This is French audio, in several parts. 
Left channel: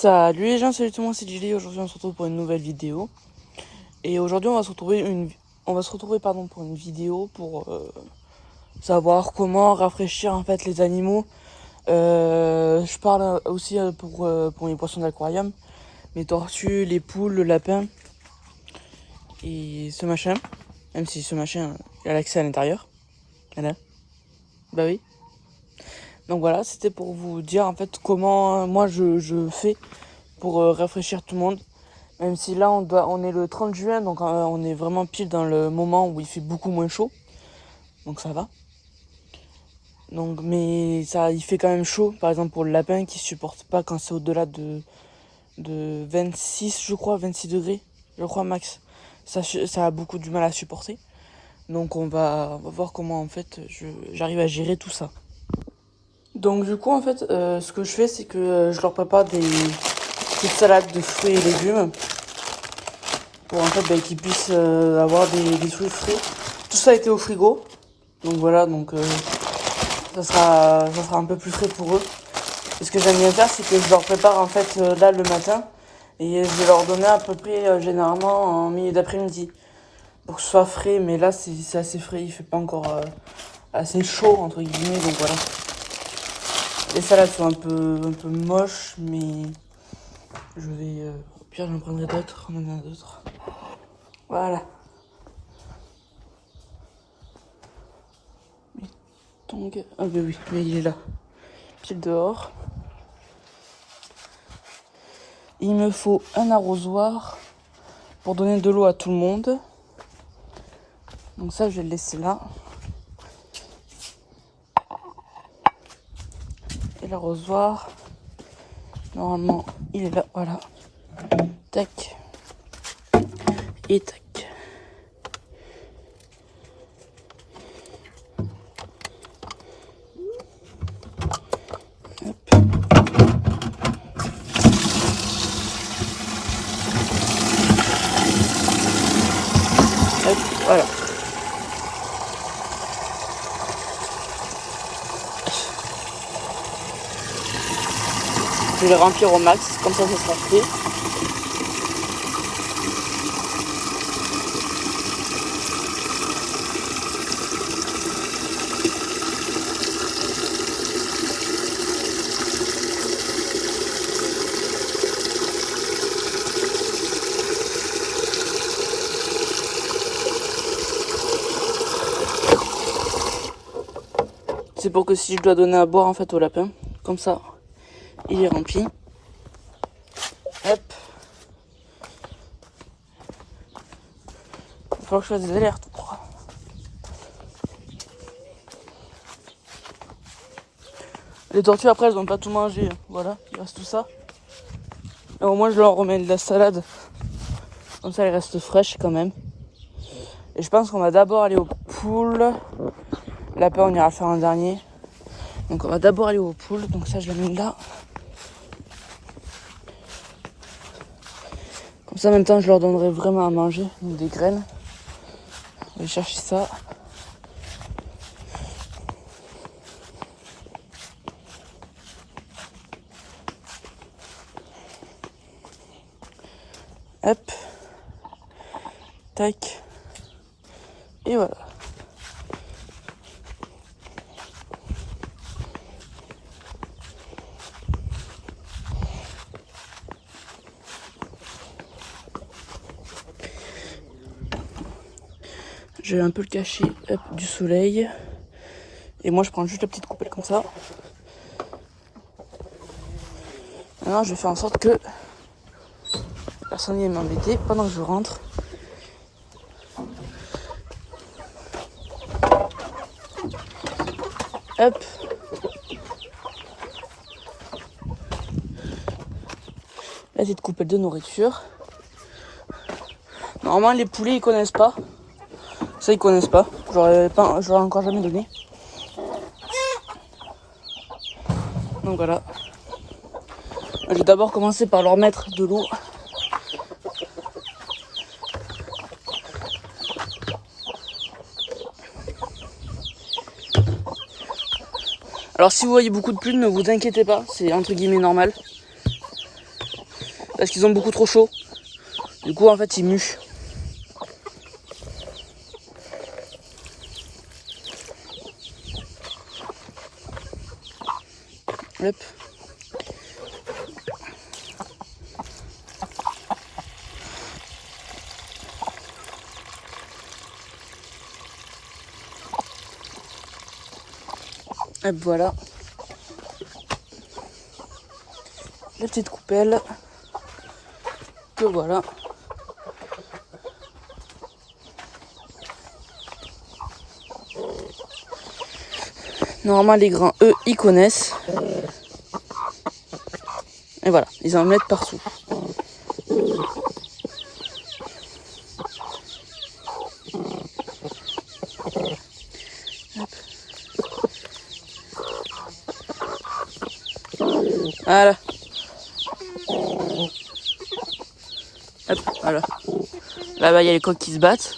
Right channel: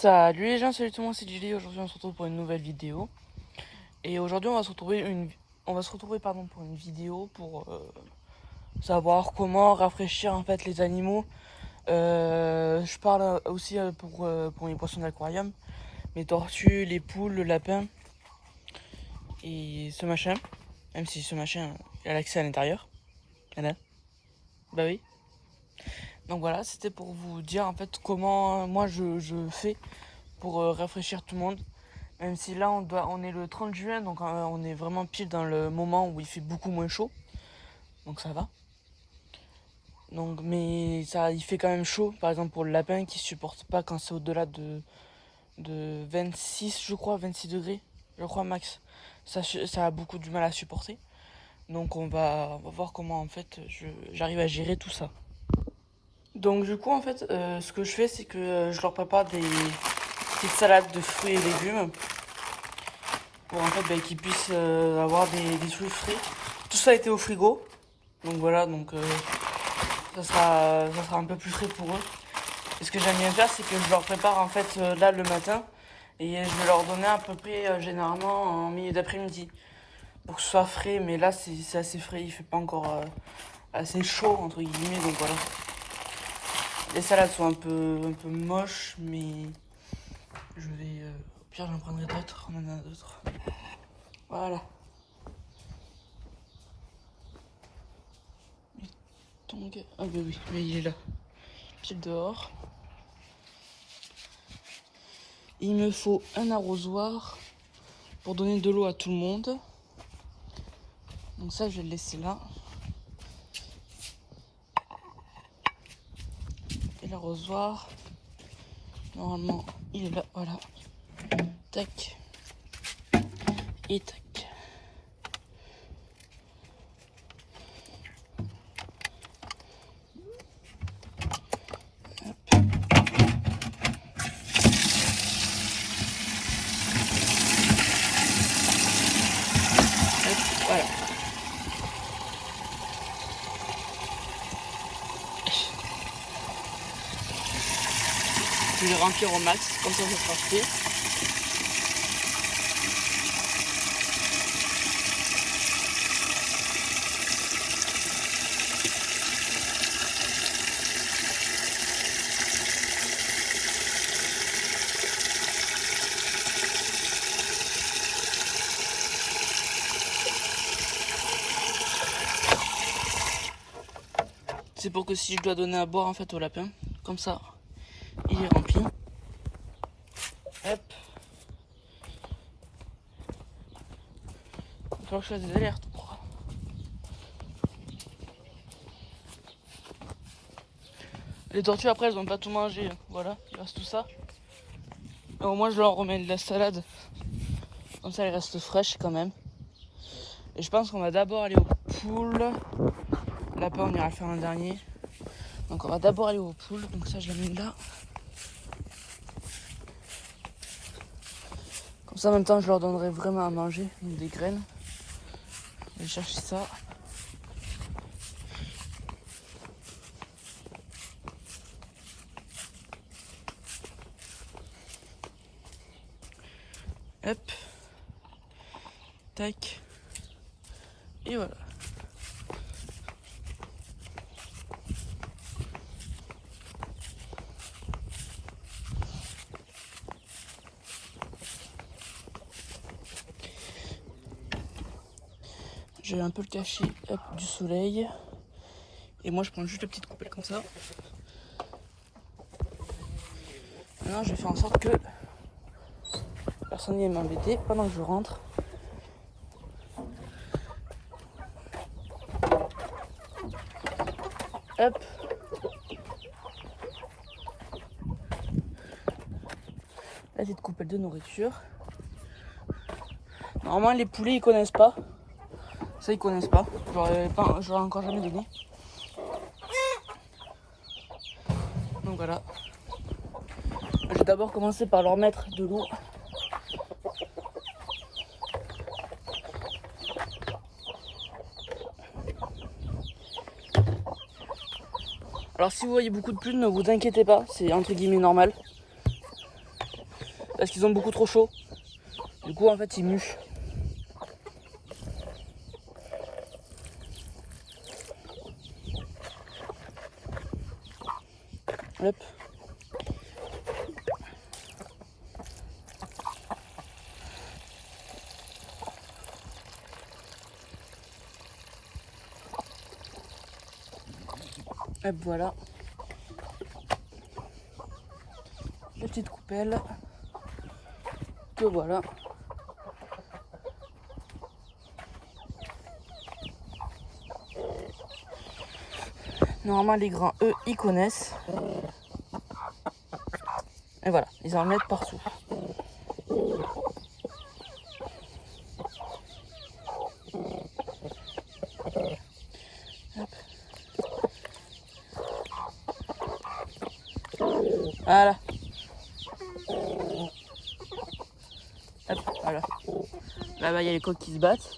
Salut les gens, salut tout le monde, c'est Gilly. Aujourd'hui on se retrouve pour une nouvelle vidéo. Et aujourd'hui on va se retrouver pour une vidéo pour savoir comment rafraîchir en fait les animaux. Je parle aussi pour les poissons d'aquarium, les tortues, les poules, le lapin et ce machin. Même si ce machin il a l'accès à l'intérieur. Voilà. Bah oui. Donc voilà, c'était pour vous dire en fait comment moi je fais pour rafraîchir tout le monde. Même si là on est le 30 juin, donc on est vraiment pile dans le moment où il fait beaucoup moins chaud. Donc ça va. Donc mais ça il fait quand même chaud, par exemple pour le lapin qui supporte pas quand c'est au-delà de 26 je crois, 26 degrés, je crois max. Ça a beaucoup du mal à supporter. Donc on va voir comment en fait j'arrive à gérer tout ça. Donc du coup en fait ce que je fais c'est que je leur prépare des petites salades de fruits et légumes pour en fait qu'ils puissent avoir des fruits frais. Tout ça a été au frigo, donc voilà, donc ça sera un peu plus frais pour eux. Et ce que j'aime bien faire, c'est que je leur prépare en fait là le matin et je vais leur donner à peu près généralement en milieu d'après-midi pour que ce soit frais. Mais là c'est assez frais, il fait pas encore assez chaud entre guillemets, donc voilà. Les salades sont un peu moches, mais je vais au pire j'en prendrai d'autres, on en a d'autres. Voilà. Donc, ah ben oui, mais il est là. Pile dehors. Il me faut un arrosoir pour donner de l'eau à tout le monde. Donc ça, je vais le laisser là. Et l'arrosoir, normalement, il est là, voilà. Tac. Et tac. Hop, voilà. Je vais le remplir au max, comme ça sera fait. C'est pour que si je dois donner à boire en fait au lapin, comme ça, il est rempli. Hop. Il faut que je fasse des alertes. Les tortues après elles n'ont pas tout mangé, voilà, il reste tout ça. Et au moins je leur remets de la salade, comme ça elle reste fraîche quand même. Et je pense qu'on va d'abord aller aux poules. Lapin on ira le faire un dernier. Donc on va d'abord aller aux poules, donc ça je la mets là. Comme ça en même temps je leur donnerai vraiment à manger, donc des graines. On va aller chercher ça. Hop. Tac. Et voilà. Je vais un peu le cacher du soleil. Et moi je prends juste la petite coupelle comme ça. Maintenant je vais faire en sorte que personne ne vienne m'embêter pendant que je rentre. Hop. La petite coupelle de nourriture. Normalement les poulets ils connaissent pas. Ça ils connaissent pas. J'aurais encore jamais donné. Donc voilà. Je vais d'abord commencer par leur mettre de l'eau. Alors si vous voyez beaucoup de plumes, ne vous inquiétez pas, c'est entre guillemets normal. parce qu'ils ont beaucoup trop chaud. Du coup en fait ils muent. Hop. Hop, voilà. La petite coupelle. Que voilà. Normalement les grains, eux, ils connaissent. Et voilà, ils en mettent partout. Hop. Voilà. Hop, voilà. Là-bas, il y a les coqs qui se battent.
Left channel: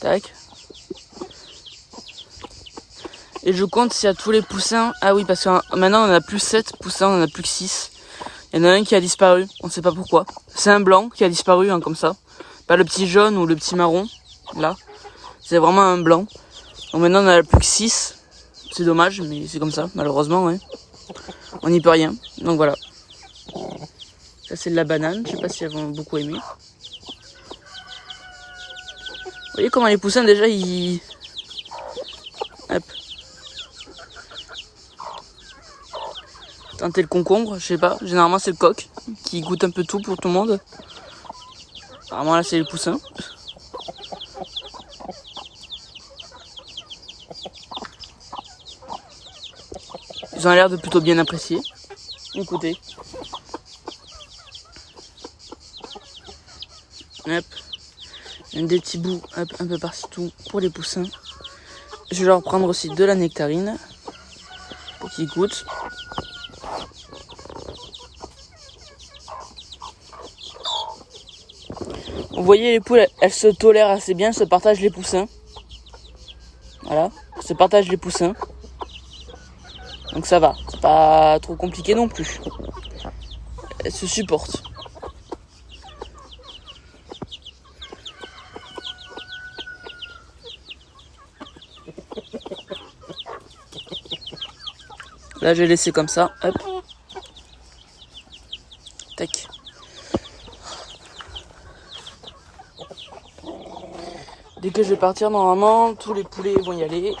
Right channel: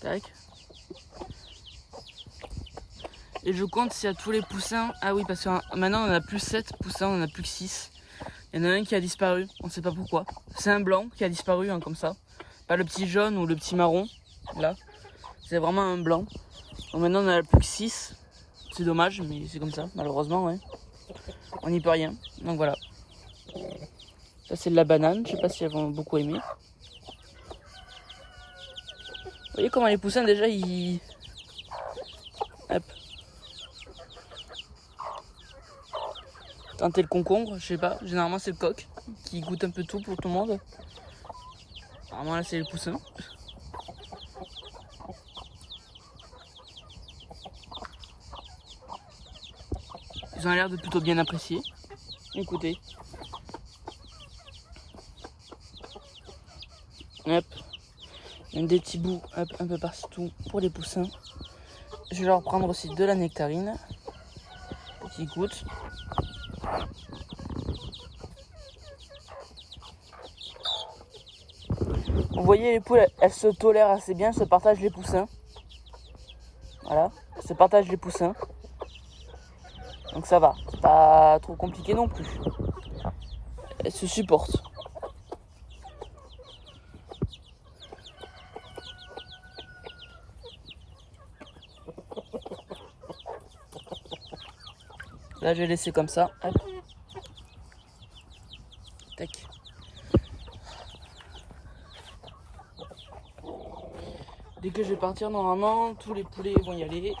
Tac. Et je compte s'il y a tous les poussins. Ah oui, parce que maintenant, on en a plus 7 poussins, on en a plus que 6. Il y en a un qui a disparu, on ne sait pas pourquoi. C'est un blanc qui a disparu, hein, comme ça. Pas le petit jaune ou le petit marron, là. C'est vraiment un blanc. Donc maintenant, on en a plus que 6. C'est dommage, mais c'est comme ça, malheureusement, ouais. On n'y peut rien. Donc voilà. Ça, c'est de la banane. Je sais pas si elles vont beaucoup aimer. Vous voyez comment les poussins, déjà, ils... Hop. Tenter le concombre, je sais pas. Généralement, c'est le coq qui goûte un peu tout pour tout le monde. Apparemment, là, c'est les poussins. Ils ont l'air de plutôt bien apprécier. Écoutez. Hop. Il y a des petits bouts hop, un peu partout pour les poussins. Je vais leur prendre aussi de la nectarine pour qu'ils goûtent. Vous voyez, les poules, elles se tolèrent assez bien, elles se partagent les poussins. Voilà, elles se partagent les poussins. Donc ça va, c'est pas trop compliqué non plus. Elles se supportent. Là, je vais laisser comme ça. Hop. Tac. Dès que je vais partir, normalement, tous les poulets vont y aller.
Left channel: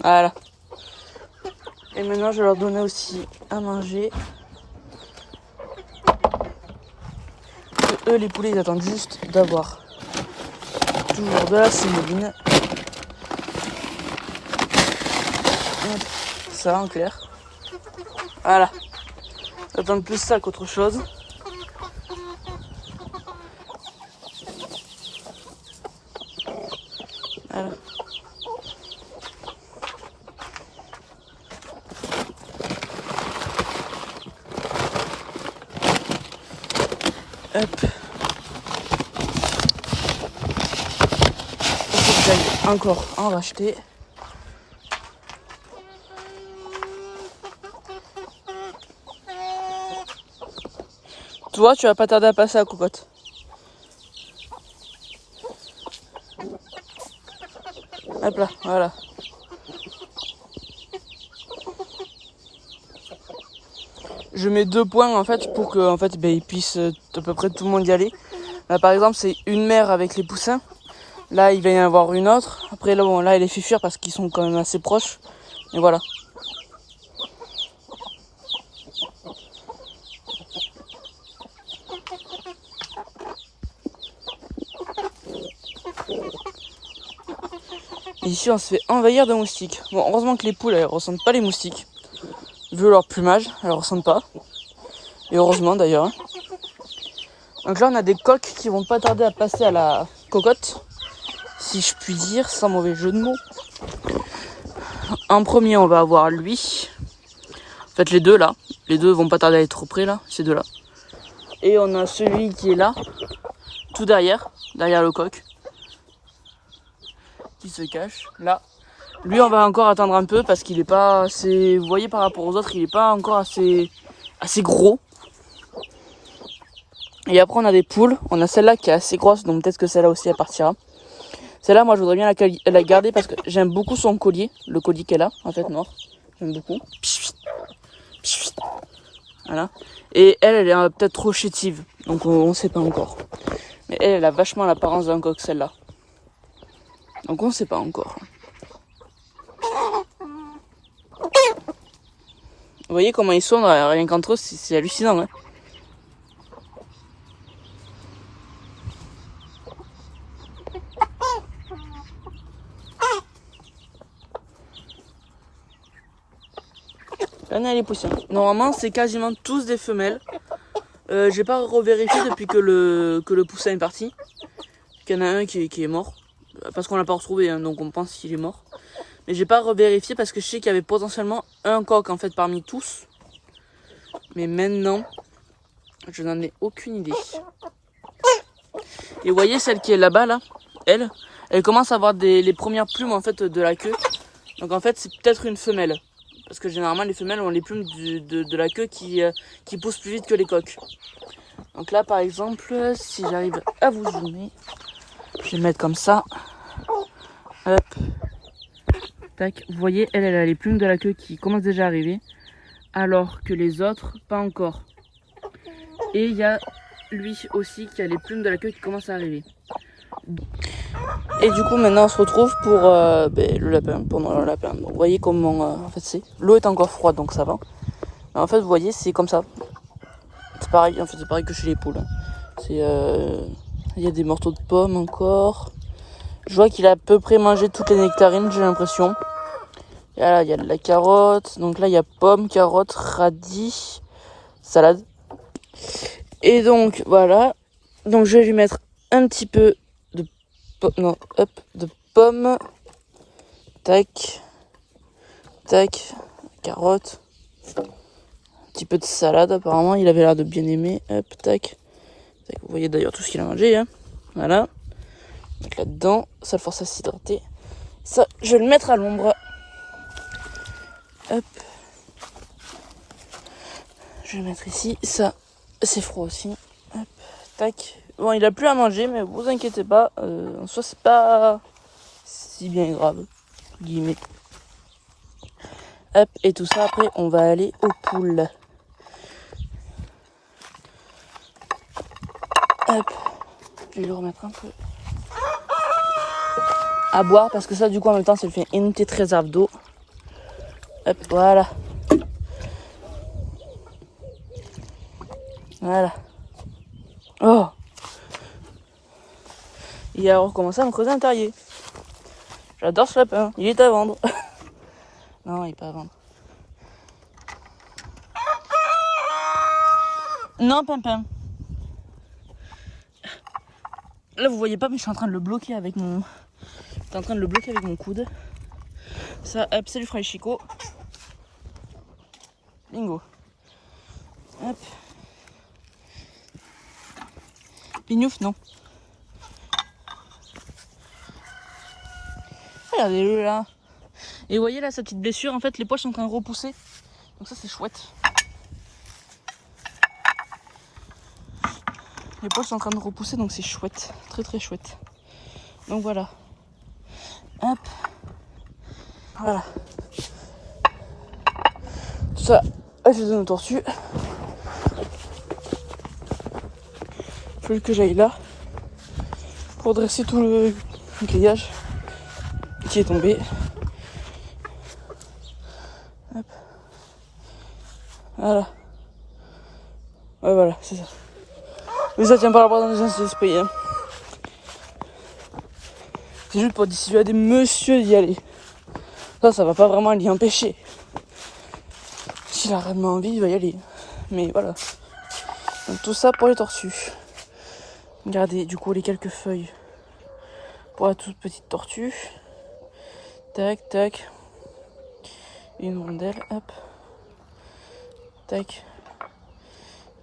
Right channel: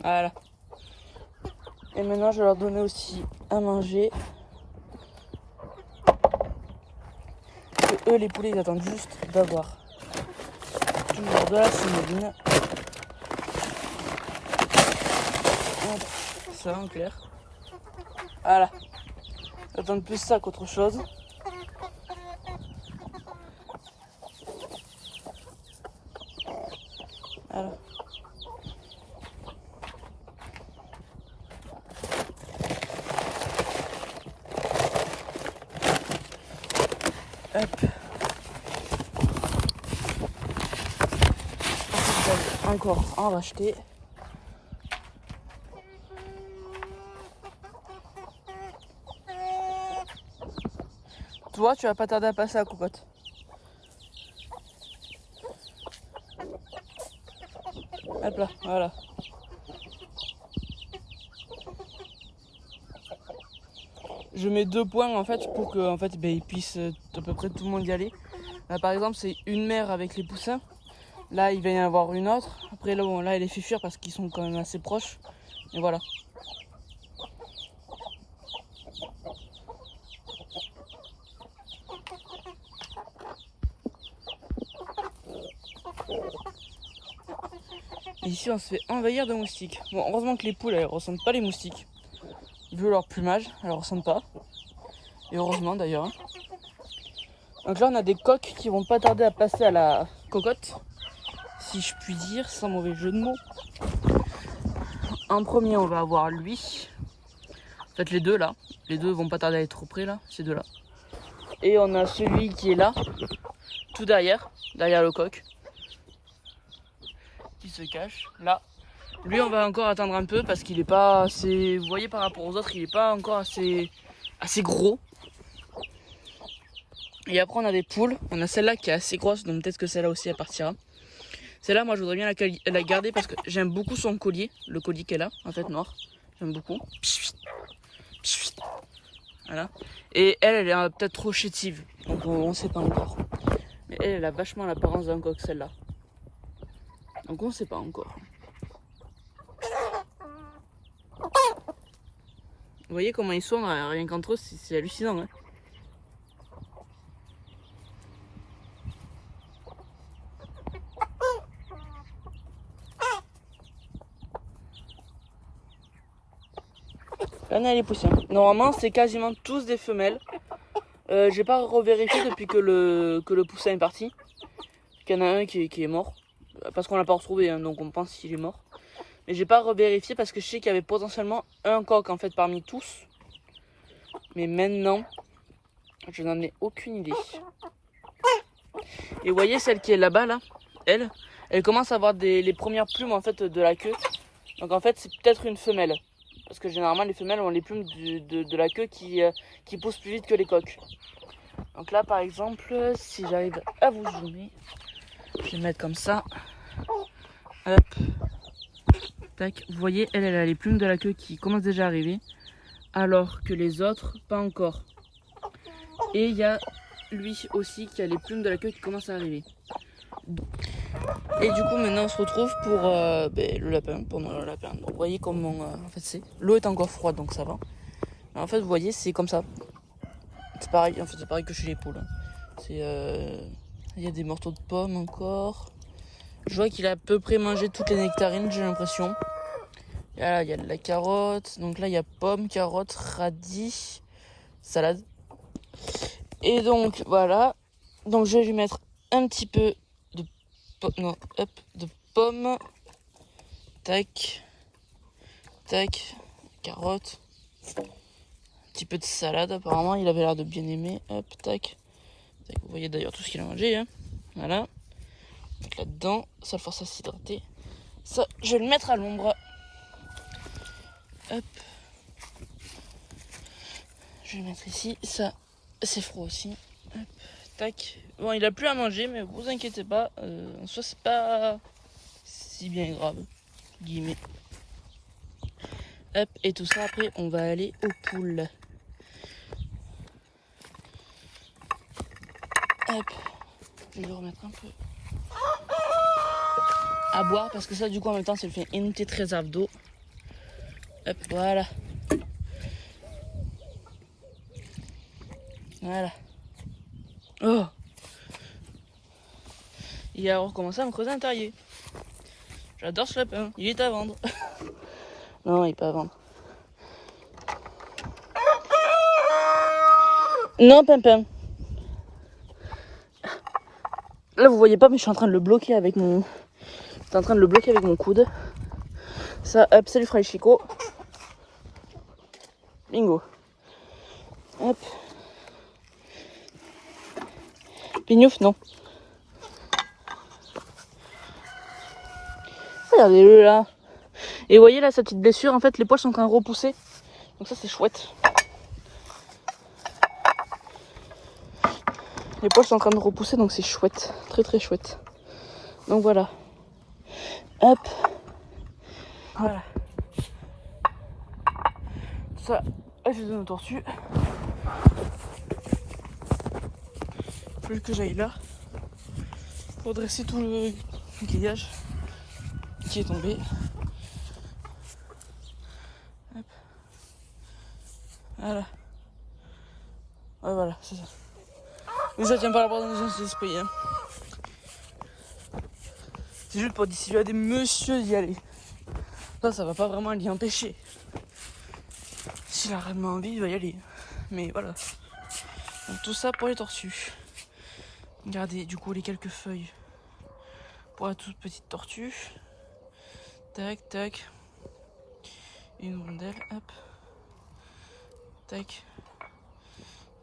Voilà. Et maintenant, je vais leur donner aussi à manger. Et eux, les poulets, ils attendent juste d'avoir toujours de la sémoline. Hop. Ça, en clair. Voilà. Ils attendent plus ça qu'autre chose. Voilà. Hop. Il faut que j'aille encore en racheter. Toi, tu vas pas tarder à passer à cocotte. Hop là, voilà. Je mets 2 points en fait pour que en fait, ils puissent à peu près tout le monde y aller. Là, par exemple, c'est une mère avec les poussins. Là, il va y en avoir une autre. Après, là, bon, là, elle les fait fuir parce qu'ils sont quand même assez proches. Et voilà. Et ici, on se fait envahir de moustiques. Bon, heureusement que les poules, elles ressentent pas les moustiques. Vu leur plumage, elles ressentent pas. Et heureusement d'ailleurs. Donc là, on a des coqs qui vont pas tarder à passer à la cocotte. Si je puis dire, sans mauvais jeu de mots. En premier, on va avoir lui. En fait, les deux là. Les deux vont pas tarder à être près là, ces deux là. Et on a celui qui est là, tout derrière le coq. Qui se cache là. Lui, on va encore attendre un peu parce qu'il est pas assez... Vous voyez, par rapport aux autres, il est pas encore assez gros. Et après, on a des poules. On a celle-là qui est assez grosse, donc peut-être que celle-là aussi, elle partira. Celle-là, moi, je voudrais bien la garder parce que j'aime beaucoup son collier. Le collier qu'elle a, en fait, noir. J'aime beaucoup. Voilà. Et elle est peut-être trop chétive. Donc, on sait pas encore. Mais elle a vachement l'apparence d'un coq, celle-là. Donc, on sait pas encore. Vous voyez comment ils sont, rien qu'entre eux, c'est hallucinant. Hein. Regardez les poussins. Normalement, c'est quasiment tous des femelles. J'ai pas revérifié depuis que le poussin est parti. Il y en a un qui est mort. Parce qu'on l'a pas retrouvé, hein, donc on pense qu'il est mort. Mais j'ai pas revérifié parce que je sais qu'il y avait potentiellement un coq en fait parmi tous. Mais maintenant, je n'en ai aucune idée. Et vous voyez celle qui est là-bas, là, elle commence à avoir les premières plumes en fait de la queue. Donc en fait c'est peut-être une femelle. Parce que généralement les femelles ont les plumes de la queue qui poussent plus vite que les coqs. Donc là par exemple, si j'arrive à vous zoomer, je vais le mettre comme ça. Hop. Tac. Vous voyez, elle a les plumes de la queue qui commencent déjà à arriver. Alors que les autres, pas encore. Et il y a lui aussi qui a les plumes de la queue qui commencent à arriver. Et du coup maintenant on se retrouve pour le lapin, pendant le lapin. Donc, vous voyez comment en fait c'est. L'eau est encore froide donc ça va. Mais en fait vous voyez c'est comme ça. C'est pareil, en fait c'est pareil que chez les poules. C'est il y a des morceaux de pommes encore. Je vois qu'il a à peu près mangé toutes les nectarines, j'ai l'impression. Et là il y a de la carotte. Donc là il y a pommes, carottes, radis, salade. Et donc voilà. Donc je vais lui mettre un petit peu de pommes. Tac. Tac. Carotte. Un petit peu de salade apparemment. Il avait l'air de bien aimer. Hop, tac. Tac. Vous voyez d'ailleurs tout ce qu'il a mangé. Hein. Voilà. Mettre là-dedans. Ça le force à s'hydrater. Ça, je vais le mettre à l'ombre. Hop. Je vais le mettre ici. Ça, c'est froid aussi. Hop. Tac. Bon, il a plus à manger, mais vous inquiétez pas. En soi, c'est pas si bien grave. Guillemets. Hop, et tout ça, après, on va aller aux poules. Hop. Je vais lui remettre un peu à boire, parce que ça, du coup, en même temps, ça lui fait une petite réserve d'eau. Hop, voilà. Voilà. Oh! Il a recommencé à me creuser un terrier. J'adore ce lapin. Il est à vendre. Non, il est pas à vendre. Non, Pimpin. Là, vous voyez pas, mais je suis en train de le bloquer avec mon... Je suis en train de le bloquer avec mon coude. Ça, hop, ça lui fera les chicots. Bingo. Hop. Pignouf, non. Regardez-le là. Et vous voyez là, cette petite blessure, en fait, les poils sont en train de repousser. Donc ça, c'est chouette. Les poils sont en train de repousser, donc c'est chouette. Très très chouette. Donc voilà. Hop. Voilà. Tout ça, je les donne aux tortues. Faut que j'aille là pour dresser tout le grillage qui est tombé. Hop. Voilà. Ouais, voilà, c'est ça. Mais ça tient pas la barre dans les esprits. Hein. C'est juste pour dissuader monsieur d'y aller. Ça va pas vraiment l'y empêcher. S'il a réellement envie, il va y aller. Mais voilà. Donc tout ça pour les tortues. Regardez du coup les quelques feuilles pour la toute petite tortue. Tac, tac. Une rondelle, hop. Tac.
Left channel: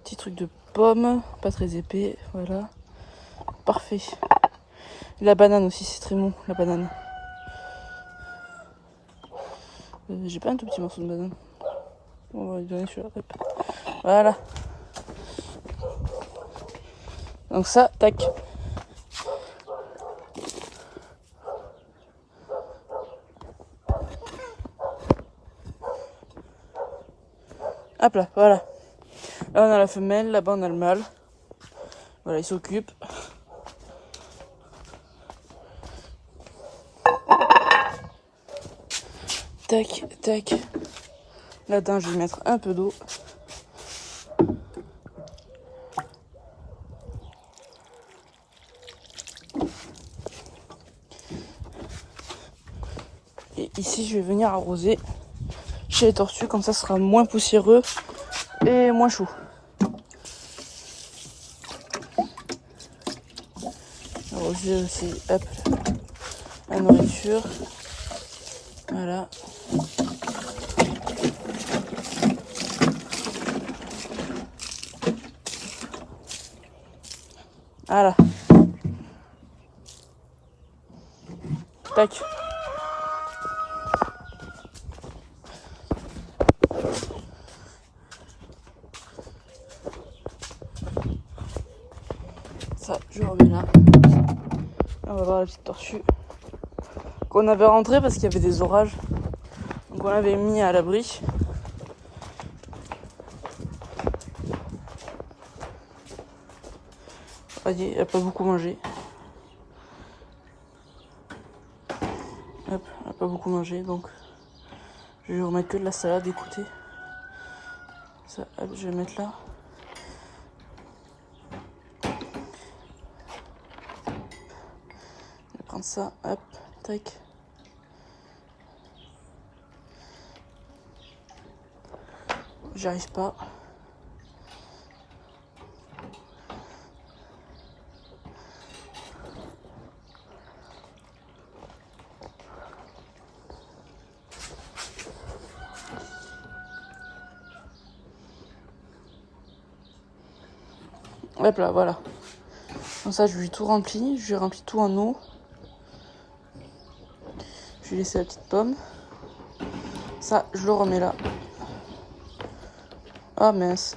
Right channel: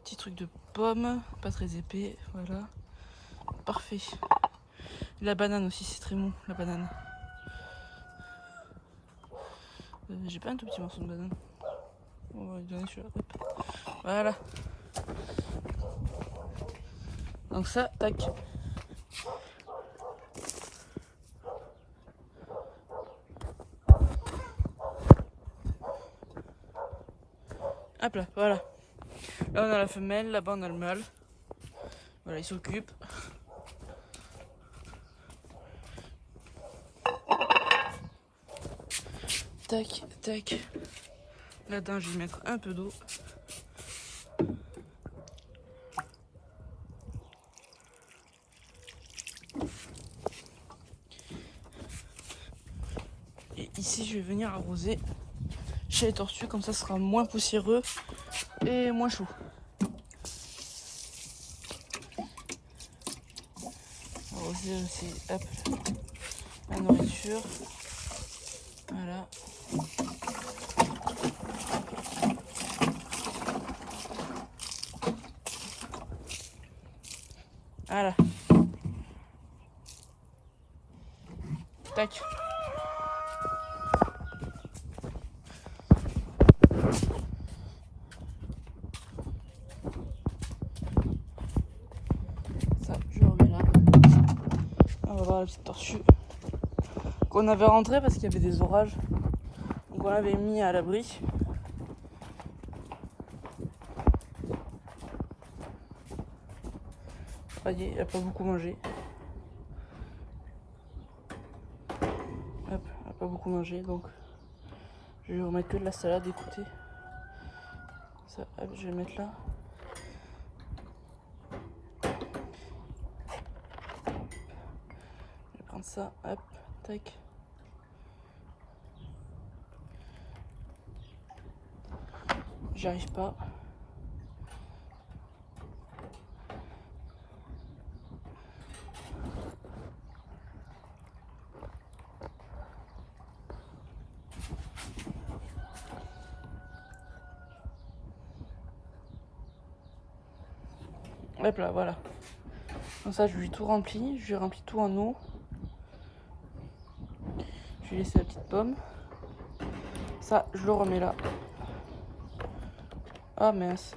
Petit truc de pomme, pas très épais, voilà. Parfait. La banane aussi, c'est très bon, la banane. J'ai pas un tout petit morceau de banane. On va lui donner celui-là. Voilà. Donc ça, tac. Hop là, voilà. Là on a la femelle, là-bas on a le mâle. Voilà, il s'occupe. Tac, tac. Là-dedans, je vais mettre un peu d'eau. Et ici, je vais venir arroser chez les tortues, comme ça sera moins poussiéreux et moins chaud. Arroser aussi, hop, la nourriture. Voilà. Voilà. Tac. Ça, je remets là. On va voir la petite tortue qu'on avait rentrée parce qu'il y avait des orages. Donc on l'avait mis à l'abri. Voyez, elle n'a pas beaucoup mangé. Hop, elle n'a pas beaucoup mangé, donc je vais lui remettre que de la salade, écoutez. Ça, hop, je vais mettre là. Je vais prendre ça, hop, tac. J'arrive pas. Hop là, voilà. Comme ça, je lui ai tout rempli. Je lui ai rempli tout en eau. Je lui ai laissé la petite pomme. Ça, je le remets là. Ah mince.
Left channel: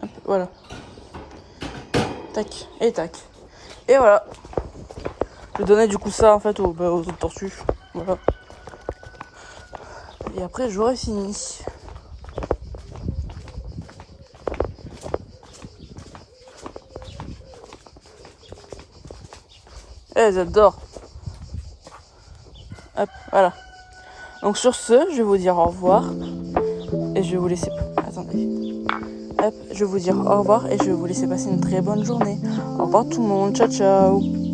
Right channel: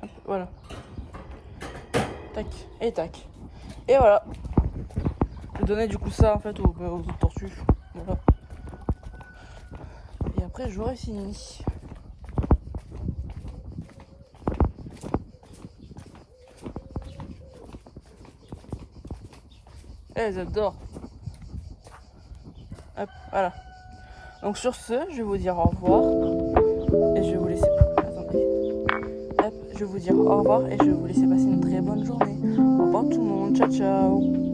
Hop, voilà. Tac, et tac. Et voilà. Je donnais du coup ça en fait aux autres tortues. Voilà. Et après, j'aurais fini. Elles adorent. Hop, voilà. Donc sur ce, je vais vous dire au revoir. Et je vais vous laisser... Attendez. Hop, je vais vous dire au revoir et je vais vous laisser passer une très bonne journée. Au revoir tout le monde. Ciao, ciao.